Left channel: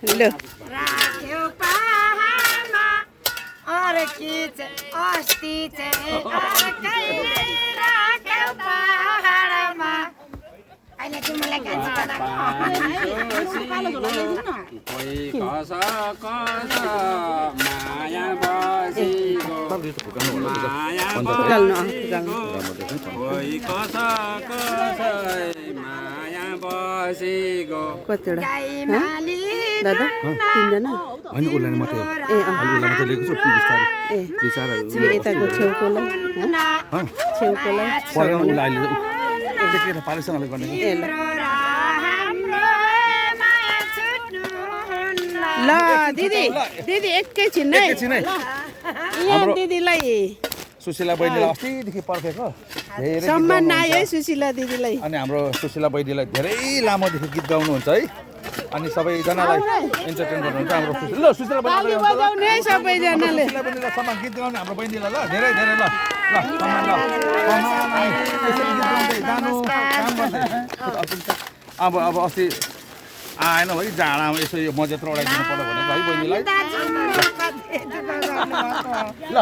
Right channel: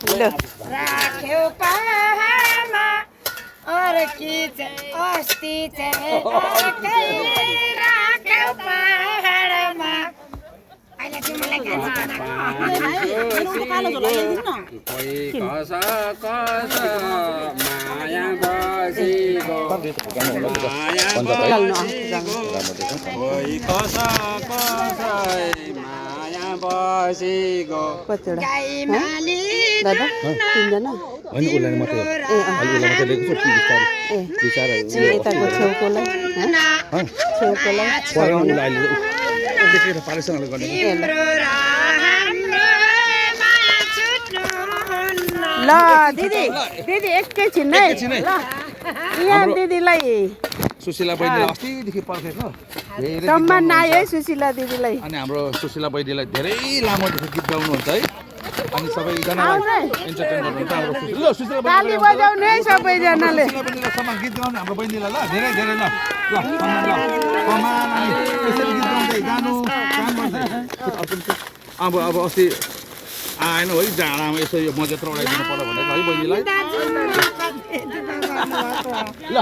ल राख्यो पहाडमा अर्की चाहिँ अस्ति चाहिँ अर्कै राख्यो पहाडमा अहिले तिमीलाई गाजी कस कस माया बसेको माया बसेको कोही कस कस माया बसेको गाई माली दादा तिनजना होइन उसलाई मात्रै अलि उसलाई मात्रै लिएको छु बिस्तारै बिचाराहरू यताको छेउकोलाई छेउकोलाई उसलाई अहिले पालेसँगले गर्ने तिम्रो र हाम्रो माया छुट्नुहुन्न ल दिदी दिदी एकैछिन है ल यहाँ दिदीलाई सुशीला बहिनीलाई अस्तिदेखि पर्खेको धेरै सम्मान नआयो है सुशीला दिदीलाई अनि हाम्रो सुशीला बहिनीलाई धेरै लामोदेखि गीत गाउनुहुन्छ है अनि सबैजनालाई इन्टरटेन गर्नुहुन्छ हाम्रो ल सुशीला ताली बजाउनु है सबैजनाले बहिनीलाई सम्मान गीत गाउनु हाम्रो बहिनीलाई ल धेरै धेरै ल ल सम्मान ल सम्मान अनि यसरी गीत गाउँदै गानु काम गर्दै अब अस्ति आएन है जाडामा यसो यो मजेत्र उडाइदिनु पर्यो भनेर है बहिनीलाई ल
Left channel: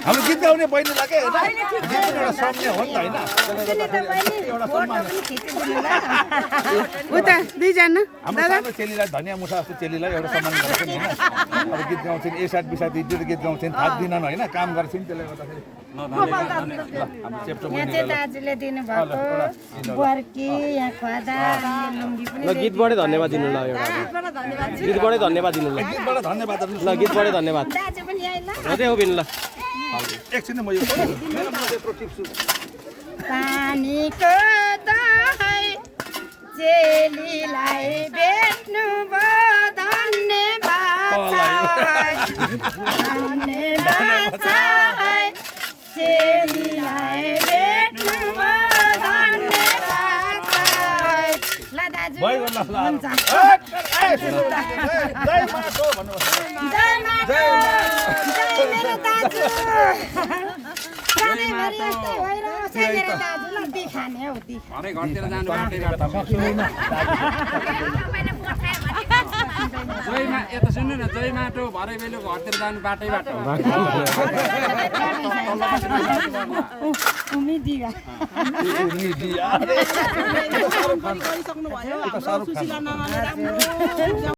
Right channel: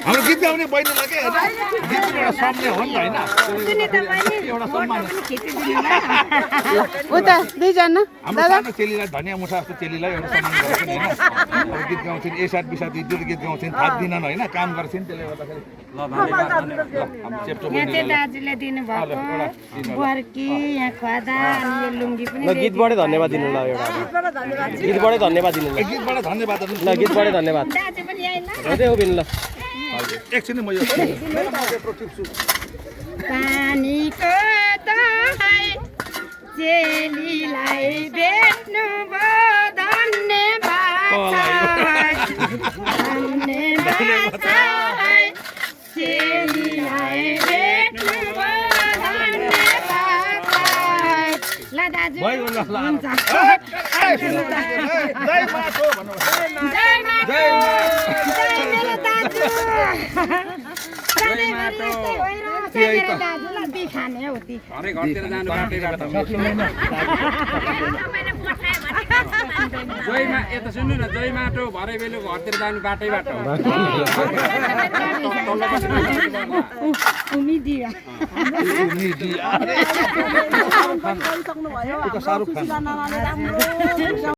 हामी गीत गाउने बहिनीलाई के गीत एउटा शब्द हो नि होइन उता दुईजना हाम्रो सानो चेलीलाई धनियाँ मुठा जस्तो चेलीलाई एउटा सम्मान गर्छन् होइन अब गीत गाउँछन् एसाट बिसाट दुई गीत गाउँछन् थाक्दिनन् होइन काम गर्छन् त्यसले गर्दाखेरि यहाँ चाहिँ दाजुले दिनुभएको बर्की यहाँ खदा लुङ्गी पनि ल गीतबाटै धन्यवाद दिनु ल एउटा गीतबाटै धन्यवाद दिनु ल गीतबाट धन्यवाद ल गीतबाटै धन्यवाद दाजु पनि आएन हेर्दै हो बिन ल एकछिन म यो पानीको दहाई चेलीलाई बेच्नु भयो धन्यवाद धन्यवाद चेलीलाई बेच्नु भयो धन्यवाद ल दाजु हुन्छ जय मातो भन्नु जय मातो मेरो दाजु घरै घरतिर जानु बाटैबाट जयमा यता सुन्नु न जय माटो भरे बेलु घरतिर जानु बाटैबाट उम्मीद